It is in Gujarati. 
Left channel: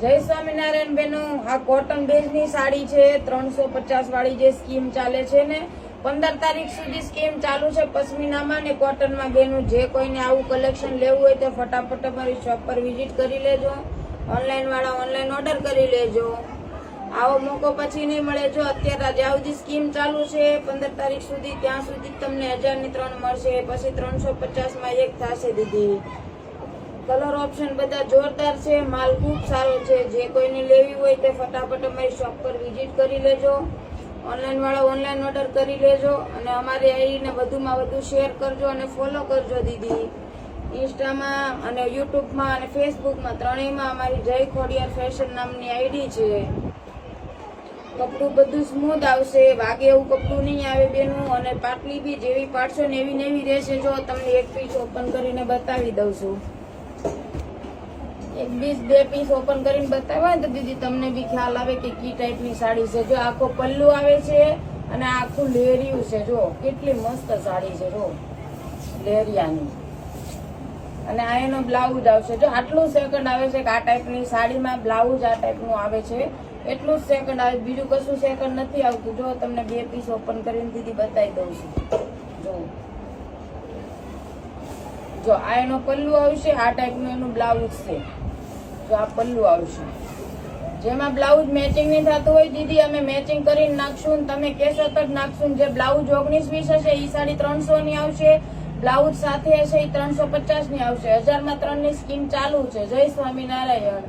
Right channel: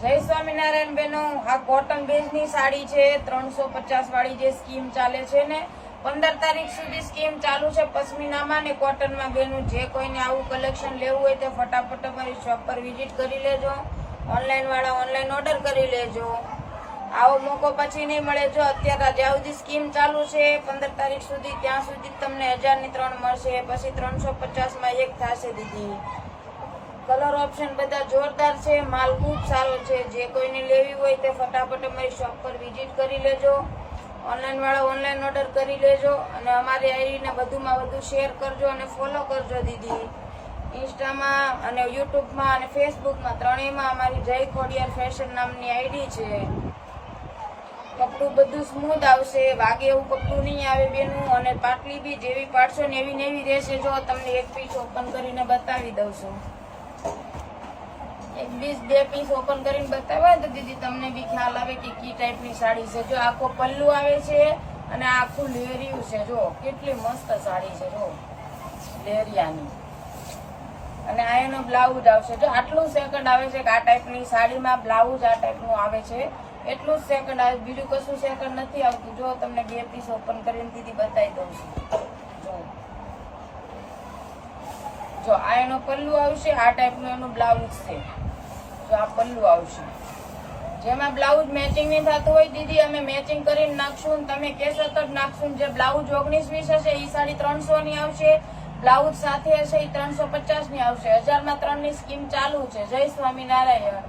જય સ્વામિનારાયણ બેનો, આ કોટન બેઝની સાડી છે 350 વાળી જે સ્કીમ ચાલે છે ને 15 તારીખ સુધી સ્કીમ ચાલુ છે પશ્મિનામાં ને કોટનમાં બેનું જે કોઈને આવું કલેક્શન લેવું હોય તે ફટાફટ અમારી શોપ પર વિઝિટ કરી લેજો. ઓનલાઈન વાળા ઓનલાઈન ઓર્ડર કરી લેજો. આવો મોકો પછી નહીં મળે. જો અત્યારે જ્યાં સુધી સ્કીમ ચાલુ છે 15 તારીખ સુધી ત્યાં સુધી તમને 1000 ની 3 મળશે, પછી 350 માં એક થશે દીદી. કલર ઓપ્શન બધા જોરદાર છે, માલ ખૂબ સારો છે. જે કોઈને લેવી હોય તે ફટાફટ અમારી શોપ પર વિઝિટ કરી લેજો. ઓનલાઈન વાળા ઓનલાઈન ઓર્ડર કરી લેજો અને અમારી આઈડીને વધુમાં વધુ શેર કરજો અને ફોલો કરજો દીદી. ઇન્સ્ટામાં અને યુટ્યુબમાં અને ફેસબુકમાં ત્રણેયમાં અમારી જય ખોડિયાર ફેશન નામની આઈડી છે. કપડું બધું સ્મૂથ આવશે, વાગે એવું કપડું નહીં આવે બેનું. અને પાટલી બી જેવી પાડશો ને એવી ને એવી રહેશે. જો તમને એક પીસ ઓપન કરીને બતાવી દઉં છું. એક પીસ બે પીસ ઓપન કરીને બતાવ્યા તો દીદી તમને બી ખ્યાલ આવે કે કી ટાઈપની સાડી છે. જો આખો પલ્લુ આવે છે અને આખું લેરિયું છે. જો કેટલી મસ્ત સાડી છે, જો લેરિયાની. અને આ એનો બ્લાઉઝ આવશે. જો આટલું સેકન્ડ આવે છે કે આ ટાઈપની સાડીમાં બ્લાઉઝ આ ટાઈપનું આવે છે, એટલું જ સેકન્ડ આવે, બીજું કશું સેકન્ડ નથી આવતું. જો તમને બે પીસ ઓપન કરીને દીદી બતાવી દઉં છું. જો આ એનો પલ્લુ આવશે, આ ટાઈપનું એનું બ્લાઉઝ છે. જો આ પલ્લુ આવશે, જેમાં બ્લાઉઝ મેચિંગ નહીં થતું હોય દીદી અમે મેચિંગ કરીને નાખશું. તમે કહેશો તો જ નાખશું. જે બ્લાઉઝ 19-20 હશે એ સાડી 300 ની આવશે, બ્લાઉઝ સાથે હશે એ 350 ની આવશે. 1000 માં 3 ની સ્કીમ ચાલુ છે. જય સ્વામિનારાયણ.